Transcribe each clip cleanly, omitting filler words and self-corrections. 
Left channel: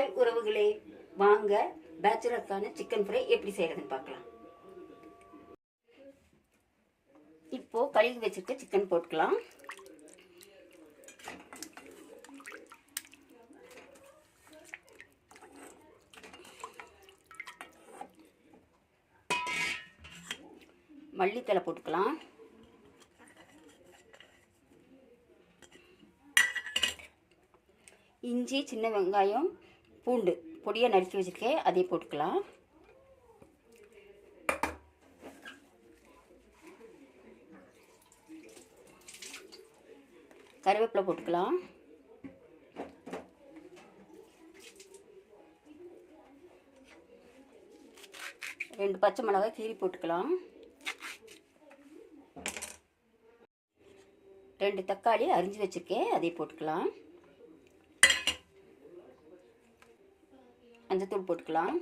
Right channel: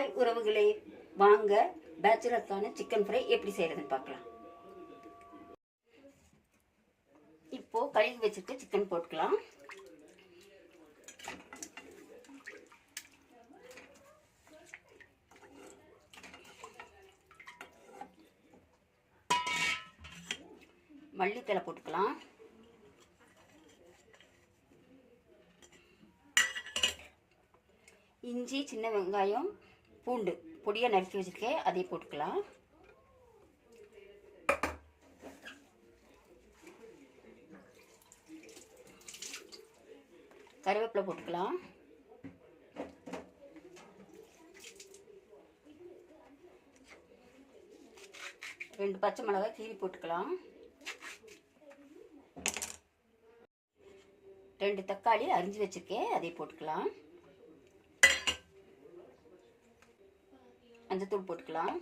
Hi உறவுகளே, வாங்க பேச்சுலருக்கான chicken fry எப்படி செய்யறதுன்னு பார்க்கலாம். இப்போ கழுவி வச்சுட்டு சிக்கன் போட்டுக்கலாம். மல்லித்தலை போட்டுக்கலாம். இஞ்சி, சின்ன வெங்காயம், பூண்டு பொடியாக நறுக்கி வச்சுருக்கேன், அதை போட்டுக்கலாம். கருவேப்பிலை போட்டுக்கலாம். ரெண்டு பச்சை மிளகாய் கீரி போட்டுக்கலாம். 2 தக்காளி அரிஞ்சு வச்சுருக்கேன், அதை போட்டுக்கலாம். மஞ்சத்தூள் போட்டுக்கலாம்.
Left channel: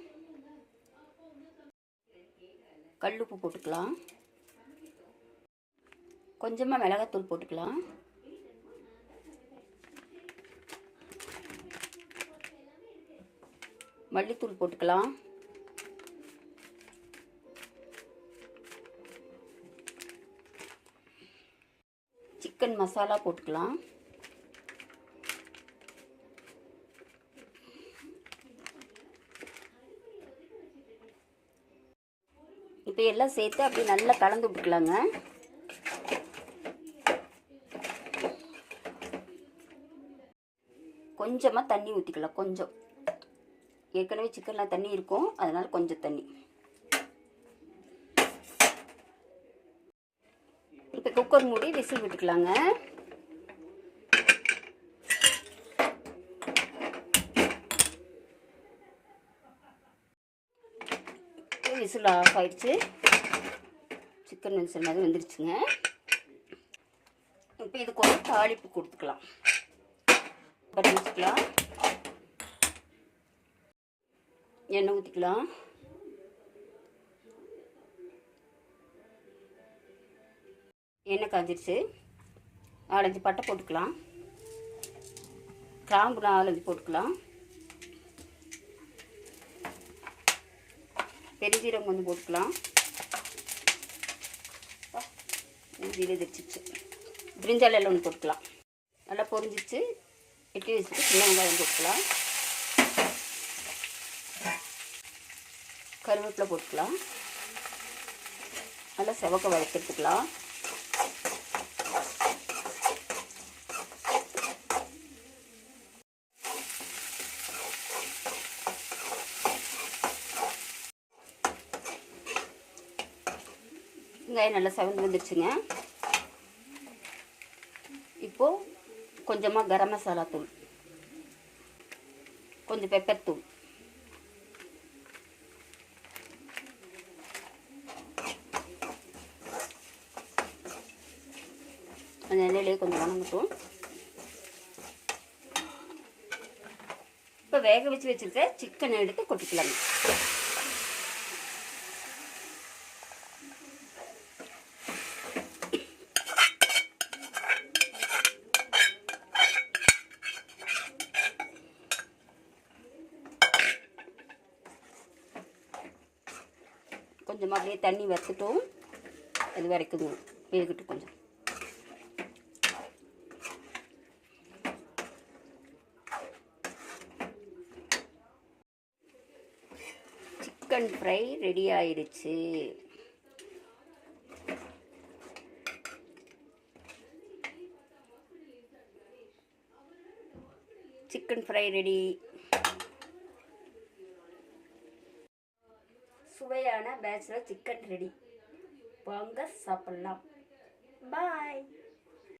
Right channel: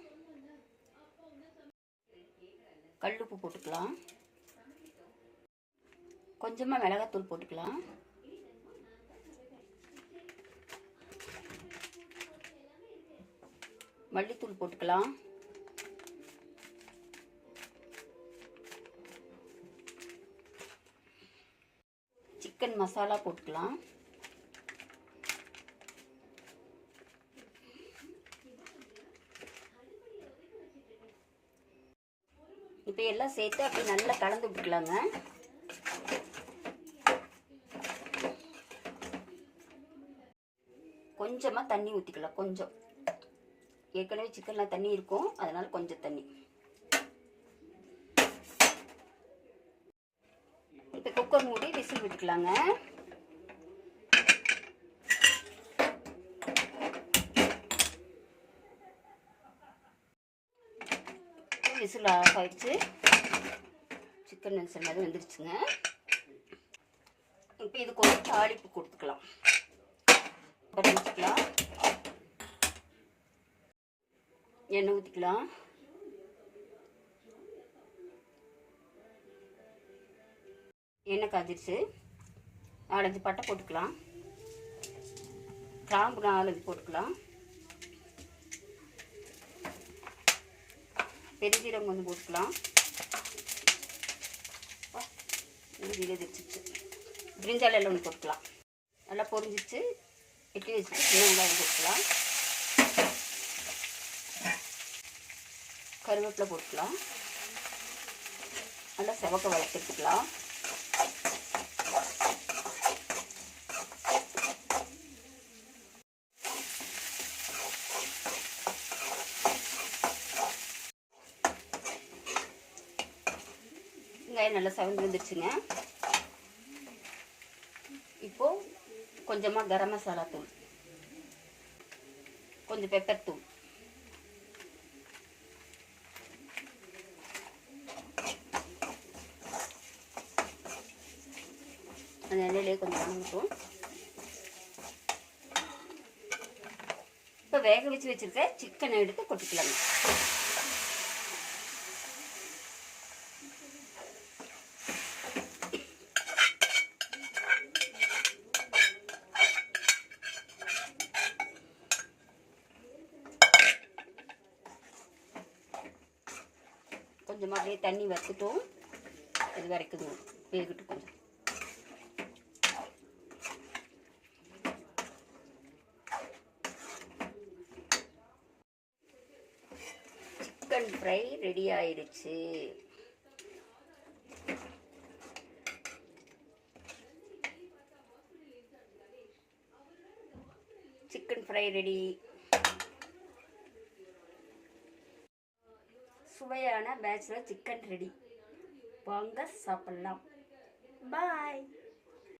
கல்லுப்பு போட்டுக்கலாம். கொஞ்சமாக மிளகாத்தூள் போட்டுக்கலாம். மல்லித்தூள் போட்டுக்கலாம். சிக்கன் மசாலா போட்டுக்கலாம். இப்போ எல்லாம் சேர்த்து அப்படி நல்லா கலந்து விட்டுக்கலாங்க. கொஞ்சமாக தண்ணி ஊற்றிக்கலாம். கொஞ்சம், ஏற்கனவே சிக்கனில் தண்ணி இருக்கும், அதனால் கொஞ்சம் தண்ணி. இப்போ குக்கர் மூடி விசில் விட்டுக்கலாங்க. விசில் ஆஃப் ஆயிடுச்சு. சிக்கன் விசில் மாதிரி வந்துருச்சுங்க. இப்போ இதுக்கு ஒரு தாளிப்பு கொடுத்துக்கலாம். வச்சுக்கலாம். எண்ணெய் ஊற்றிக்கலாம். எண்ணெய் காஞ்சிருச்சு. 4-5 பட்டை போட்டுக்கலாம். கிராம்பு 4-5 போட்டுக்கலாம். பெருஞ்சீரகம் கொஞ்சம் போட்டுக்கலாம். வச்சிச்சு. பிரிஞ்சால் எல்லாம் ஒன்று போட்டுக்கலாம். நல்லா பொரிஞ்சிச்சு. வெட்டி வச்சுட்டு சின்ன வெங்காயம் போட்டுக்கலாம். கருவேப்பிலை போட்டுக்கலாம். நல்லா செவக்க வளர்த்துக்கலாம். வெங்காயம் நல்லா செவந்து வந்துருச்சுங்க. இப்போது கொஞ்சமாக கரம் மசாலா தூள், கொஞ்சம் பெப்பர் தூள், அந்த எண்ணெயிலே கொஞ்சம் வணங்கட்டும். இப்போ வேக வச்சு வச்சுருக்க சிக்கனை எடுத்து கொட்டிக்கலாங்க. கொஞ்சமாக அப்படியே தண்ணி வச்சுட்டோம். அது வரைக்கும் வேகட்டும். கொஞ்சம் சிக்கன் ஃப்ரை ரெடி ஆயிடுச்சு. Chicken fry ready. சுவையான பேச்சுலர் சிக்கன் ரெடி. வாங்க சாப்பிடலாம். பாய்.